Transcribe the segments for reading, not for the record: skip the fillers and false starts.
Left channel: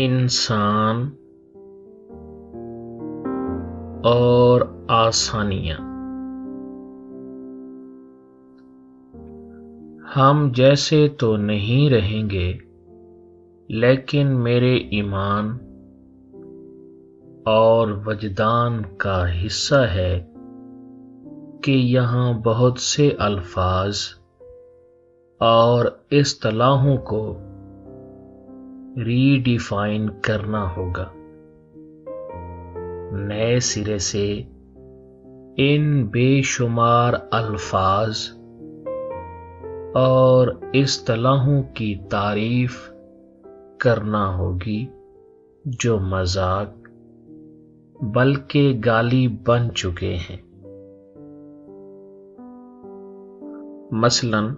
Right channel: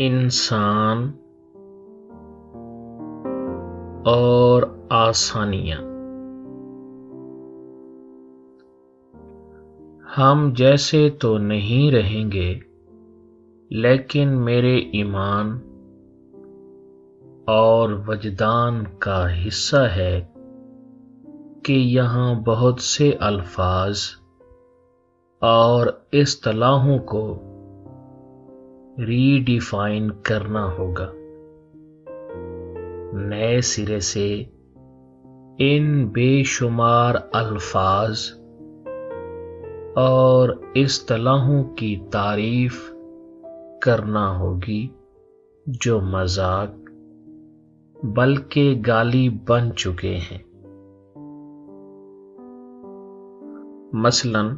इंसान और आसानियां। हम जैसे तो नहीं रहेंगे, लेकिन मेरे ईमान और वजदान का हिस्सा है कि यहाँ बहुत से अल्फाज और इस्तिलाहों को रीडिफाइन करना होगा, नए सिरे से इन बेशुमार अल्फाज और इस्तिलाहों की तारीफ करना होगी जो मजाक बल्कि गाली बन चुके हैं। मसलन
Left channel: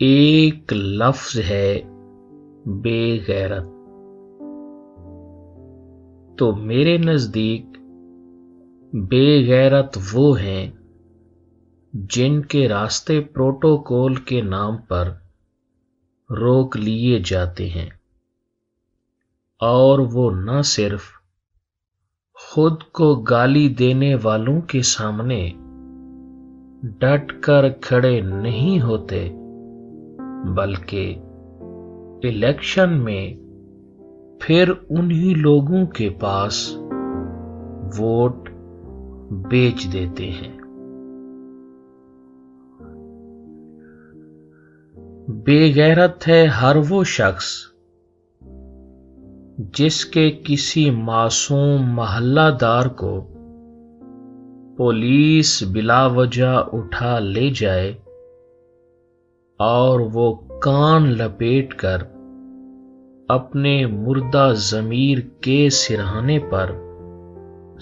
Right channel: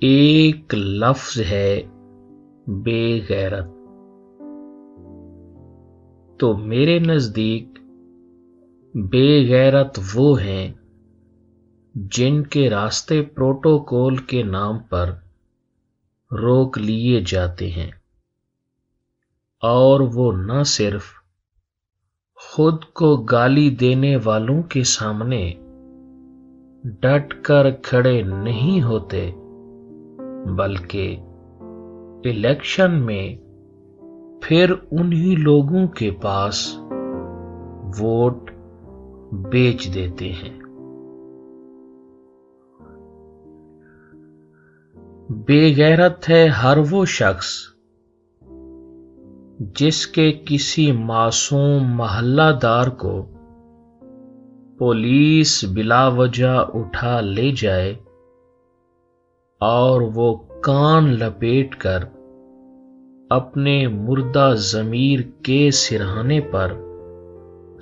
एक लफ्ज है बेगैरत, तो मेरे नजदीक बेगैरत वो हैं जिनके रास्ते प्रोटोकॉल के नाम पर रोक लिए जाते हैं, और वो न सिर्फ खुद को गाली देने वालों के सामने डट कर खड़े नहीं होते, बल्कि इलेक्शन में फिर उन्हीं लोगों के पास वोट बेच देते हैं। बेगैरत है हर वो शख्स जिसके किसी मासूम मोहल्लादार को पुलिस बिलावजह उठा ले जाए और वो कान लपेटकर अपने मुर्दा जमीर के सिरहाने पर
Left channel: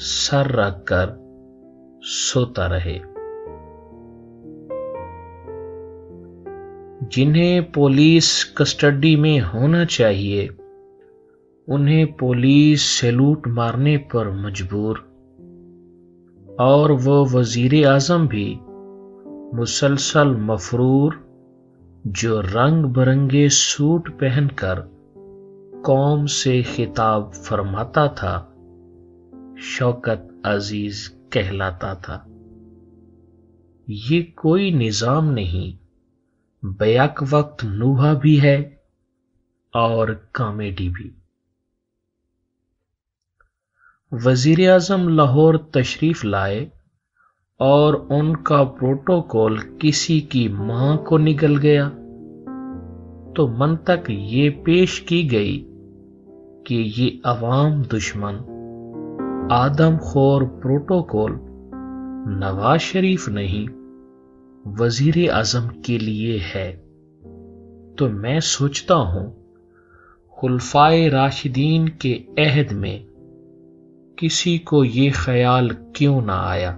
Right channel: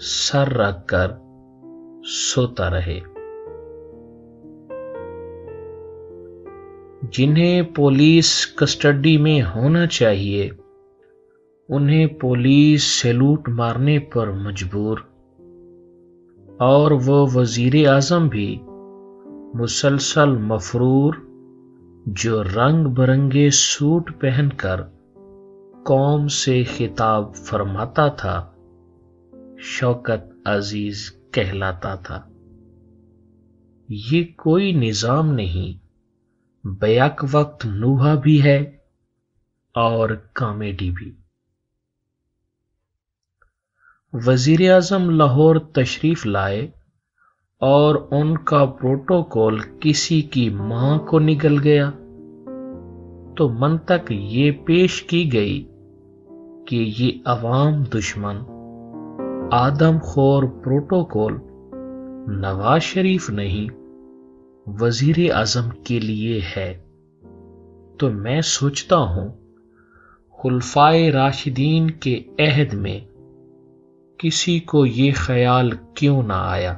सर रखकर सोता रहे। जिन्हें पुलिस कस्टडी में होना चाहिए, उन्हें पुलिस सैल्यूट मारने पर मजबूर, और वो वजीर आजम भी मुसलसल मफरूर जो रंग बिरंगे सूट पहनकर कौम से खिताब फरमाता था, शौकत अजीज कहलाता था। ये कोई निजाम नहीं, बैक वक्त नूहा भी है और कॉमेडी भी। वजीर आजम लाहौर तशरीफ लाए और उनका प्रोटोकॉल किसी की मां को निगल गया, तो मंतक ये पेश की गई कि ये अवाम दुश्मन आदमखोर प्रोटोकॉल नवाज शरीफ नहीं, वजीर आजम के लिए है। तो मैं सोचता हूं खुलफाए राशिदीन के अहद में किसी को ये ख्याल क्यों ना आया।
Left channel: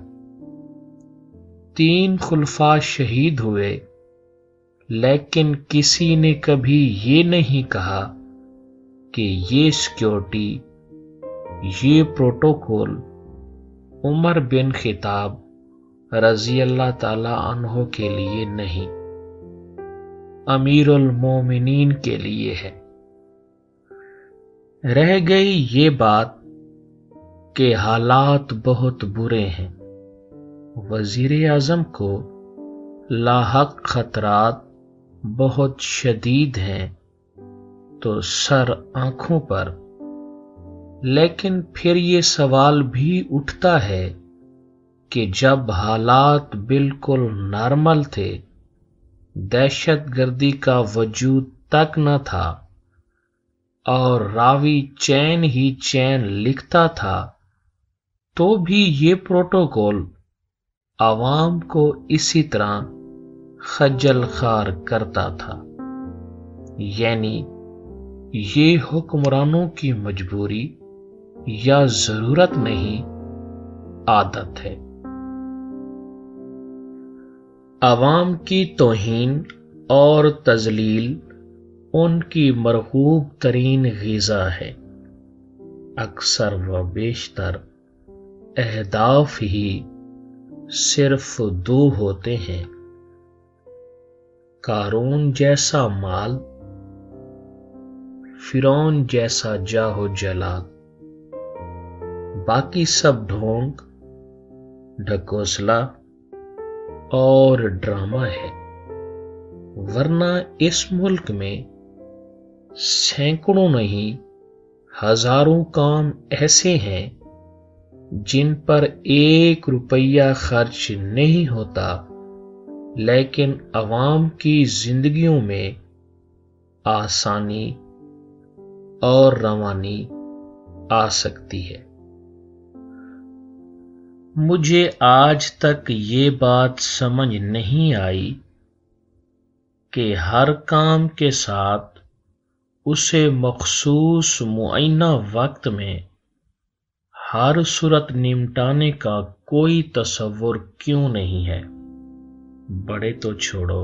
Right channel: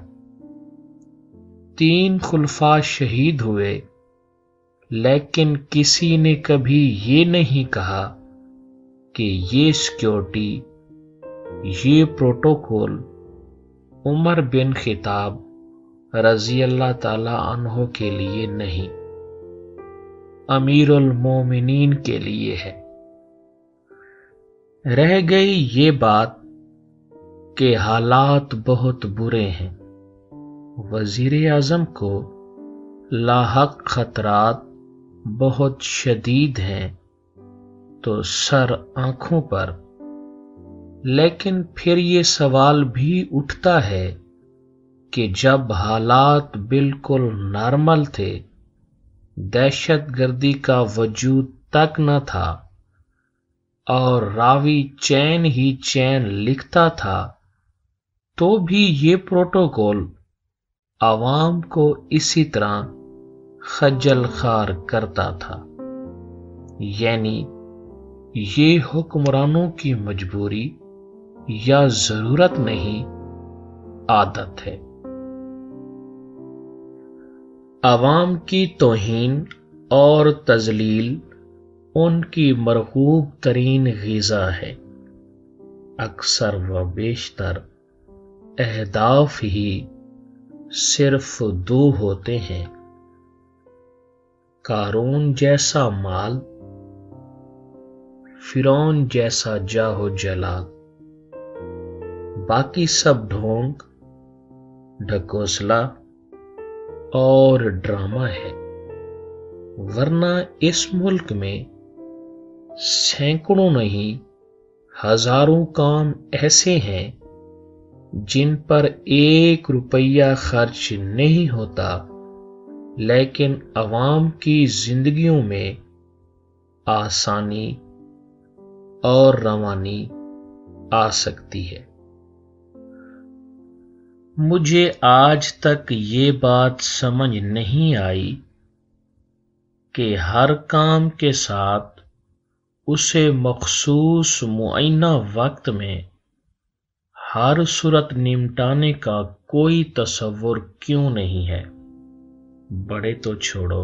3 खुलफा शहीद हुए, लेकिन किसी ने कभी ये नहीं कहा कि ये सिक्योरिटी, ये प्रोटोकॉल उमर बिन खिताब रजी अल्लाह ताला अन्हो के लिए नहीं, अमीरुल मोमिनीन के लिए है। रह गई ये बात कि हालात बहुत बुरे हैं, वजीर आजम को लाहक खतरात बहुत शदीद हैं, तो सर आंखों पर। लेकिन फिर ये सवाल भी उठता है कि जब हालात बिल्कुल नॉर्मल थे, दहशतगर्दी का वजूद तक न था और रावी चैन ही चैन लिखता था, तो भी ये प्रोटोकॉल आवाम को इसी तरह खज्जल खार करता था। यानी ये हुक्मरानों की मजबूरी या जरूरत नहीं, आदत है। आवाम की तौहीन और तजलील उनकी मरगूब तरीन ग़िज़ा है। अक्सर व बेशतर अहदाफ ही सिर्फ 2 होते हैं, कारून जैसा माल, फिरौन जैसा जाहो जलाल। बाकी सब ढोंग, ढकोसला और ड्रामा है, वरना इस मुल्क में सैकड़ों नहीं हजारों काम ऐसे हैं जिन पर 1 रुपया खर्च नहीं होता, लेकिन अवाम की जिंदगियों में आसानी और रवानी आ सकती है। मुझे आज तक ये बात समझ नहीं आई कि हर काम के साथ उसे मखसूस मुअय्यना वक्त में हर सूरत निपटाने का कोई तसव्वुर क्यों नहीं है। बड़े तो छोड़ो,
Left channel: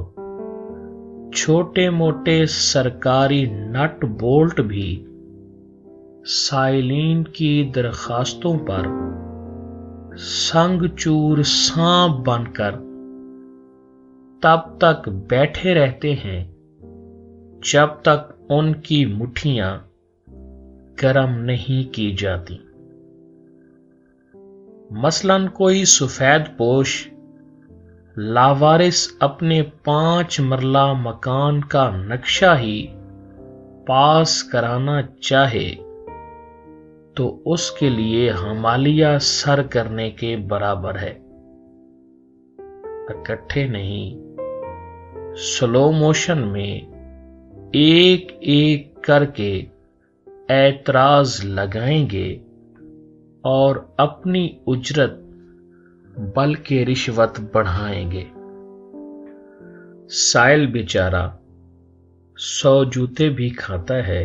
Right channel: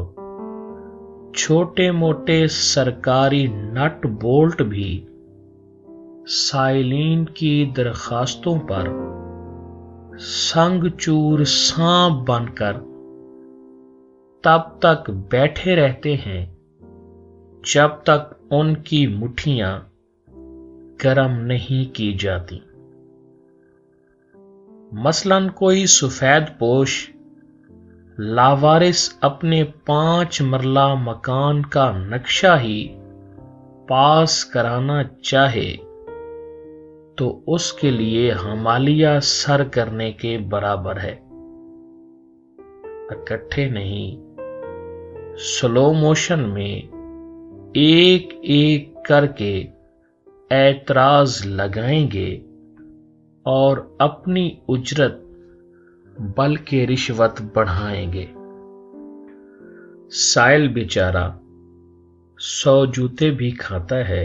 छोटे मोटे सरकारी नट बोल्ट भी साइलिन की दरखास्तों पर संगचूर सांप बनकर तब तक बैठे रहते हैं जब तक उनकी मुट्ठियां गर्म नहीं की जाती। मसलन कोई सफेद पोश लावारिस अपने 5 मरला मकान का नक्शा ही पास कराना चाहे तो उसके लिए हमालिया सर करने के बराबर है। इकट्ठे नहीं, स्लो मोशन में एक एक करके ऐतराज लगाएंगे और अपनी उजरत बल्कि रिश्वत बढ़ाएंगे। साइल बेचारा 100 जूते भी खाता है,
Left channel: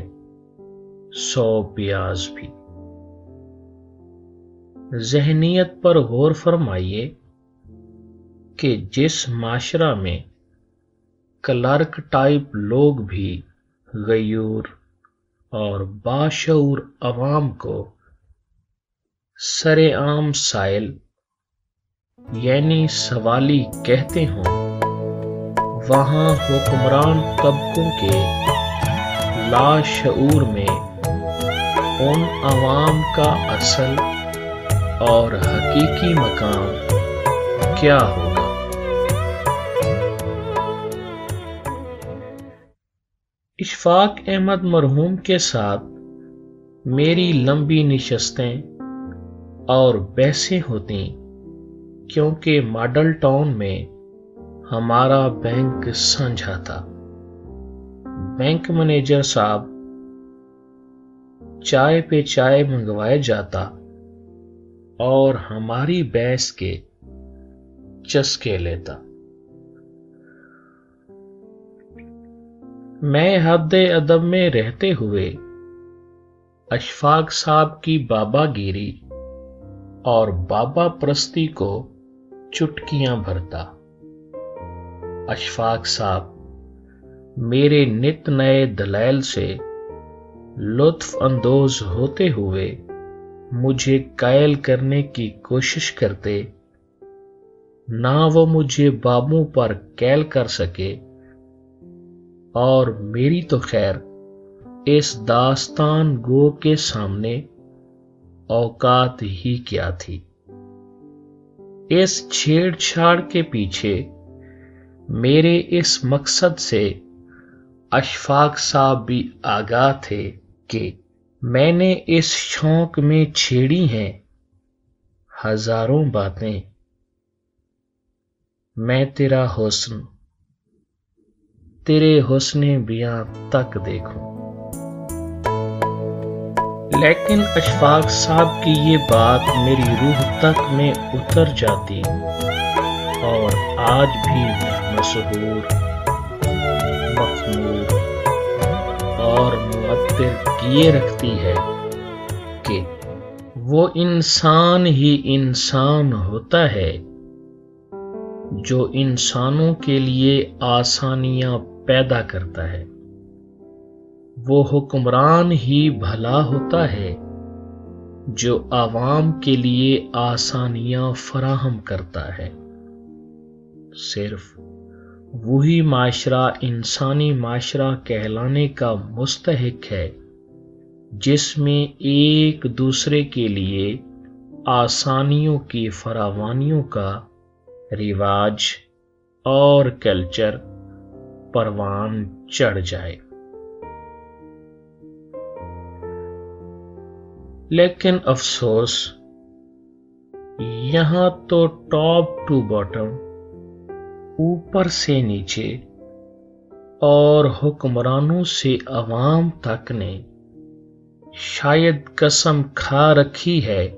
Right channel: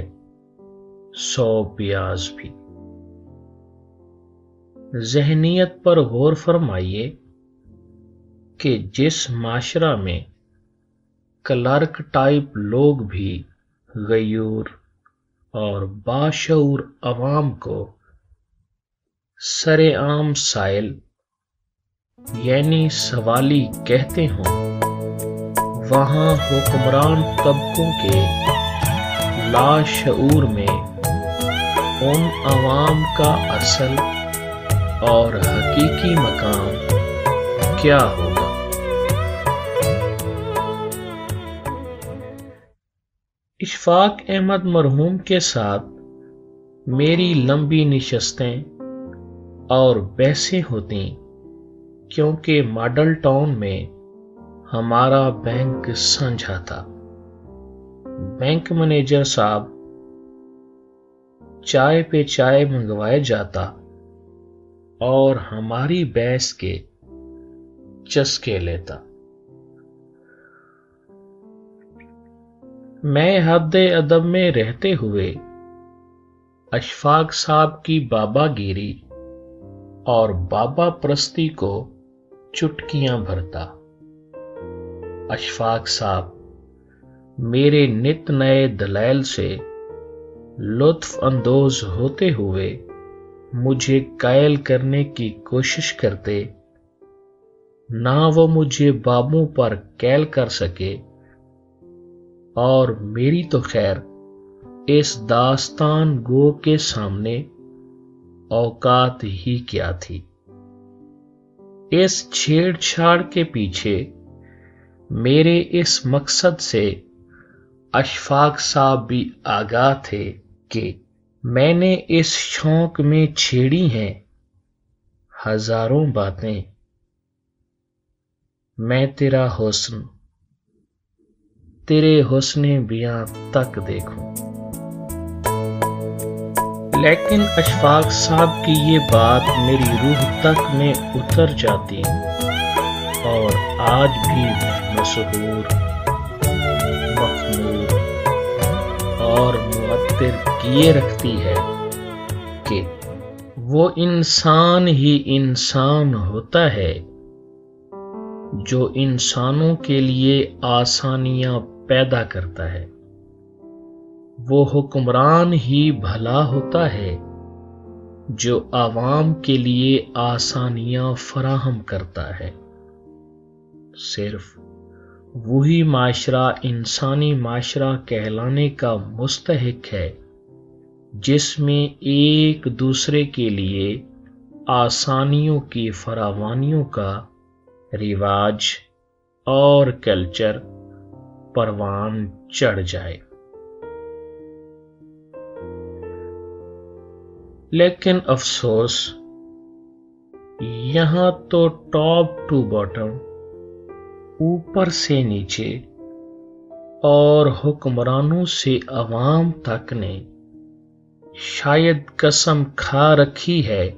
100 प्याज भी। ज़हनियत पर गौर फरमाइए कि जिस माशरा में क्लर्क टाइप लोग भी गयूर और बाशऊर अवाम को सरेआम साइल यानी सवाली कहते हों, वहां हुक्मरान तबकों के लाशऊर में उन अवाम का असल और हकीकी मकाम क्या होगा। इशफाक अहमद मरहूम के साथ मेरी लंबी निशस्तें और बहसें होती, क्योंकि मॉडल टाउन में हमारा बैंक साझा था। बैंक मैनेजर साहब चाय पे चाय मंगवाए जाता और हमारी बहस के चस्के लेता। मैं हद्दे अदब में रहते हुए अशफाक साहब की बाबागिरी और बाबा प्रस्ती को चुटकियां भरता। अशफाक साहब मेरे नित नए दलाइल से लुत्फ अंदोज होते हुए मुझे कायल करने की कोशिश करते, ना वो मुझे बाबों पर कैल कर सके, और मेरी तो खैर इस दास्तान गो के सामने औकात ही क्या थी। इस छेड़छाड़ के पीछे मेरे इस मकसद से अशफाक साहब भी आगाह थे कि मैंने इस शौक में छेड़ी हैं हजारों बातें। मैं तेरा हुस्न, तेरे हुस्ने बियां तक देखूं। लेकिन अशफाक साहब की ये बात मेरी रूह तक में उतर जाती और आज भी मशहूर, मखमूर और मुअत्तिर किए रखती है कि वो इंसान ही इंसान होता है जो इंसानों के लिए आसानियां पैदा करता है। वो हुक्मरान ही भला होता है जो आवाम के लिए आसानियां फराहम करता है। सिर्फ वही माशरा इंसानी माशरा कहलाने का मुस्तहिक है جس میں ایک دوسرے کے لیے آسانیوں کی فراوانیوں کا رواج اور کلچر پروان چڑھ جائے۔ لیکن افسوس، یہاں تو ٹاپ ٹو باٹم، اوپر سے نیچے اور حکمرانوں سے عوام تک نے شاید قسم کھا رکھی ہے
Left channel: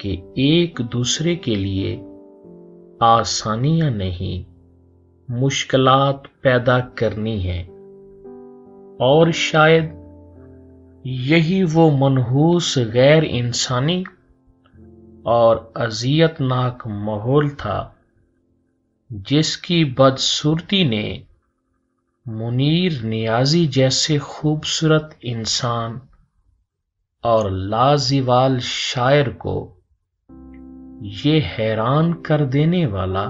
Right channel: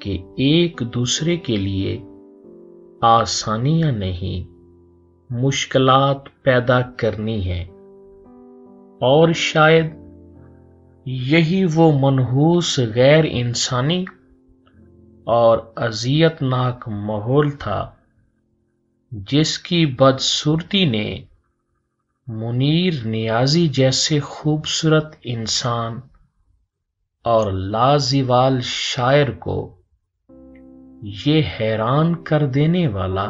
کہ ایک دوسرے کے لیے آسانیاں نہیں، مشکلات پیدا کرنی ہے۔ اور شاید یہی وہ منحوس غیر انسانی اور اذیت ناک ماحول تھا جس کی بدصورتی نے منیر نیازی جیسے خوبصورت انسان اور لازوال شاعر کو یہ حیران کر دینے والا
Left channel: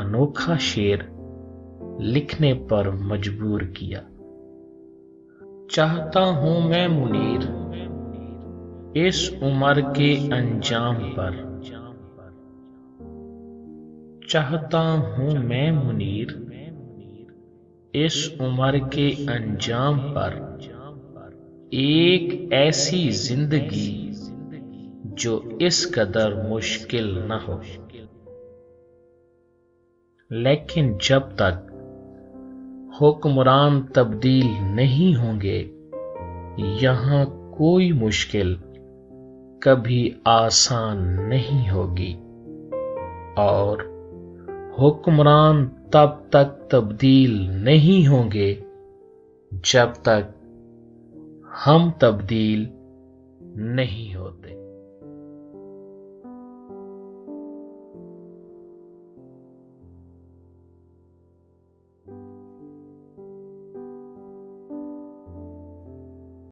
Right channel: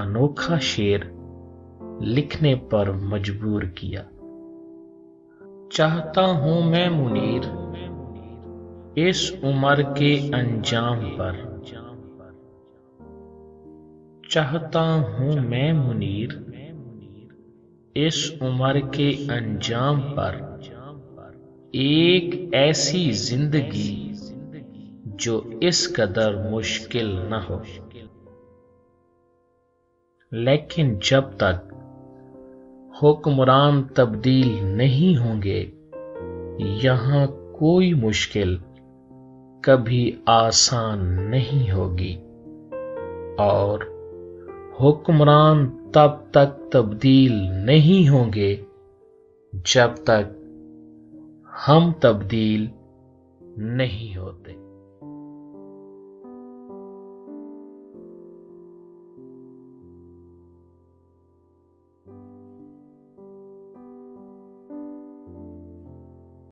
انوکھا شعر لکھنے پر مجبور کیا۔ چاہتا ہوں میں منیر اس عمر کے انجام پر، چاہتا ہوں میں منیر اس عمر کے انجام پر، ایک ایسی زندگی جو اس قدر مشکل نہ ہو۔ لیکن جب تک حکمران تبدیل نہیں ہوں گے، یہاں کوئی مشکل کبھی آسان نہیں ہوگی، اور حکمران تب تک تبدیل نہیں ہوں گے جب تک ہم تبدیل نہیں ہوتے۔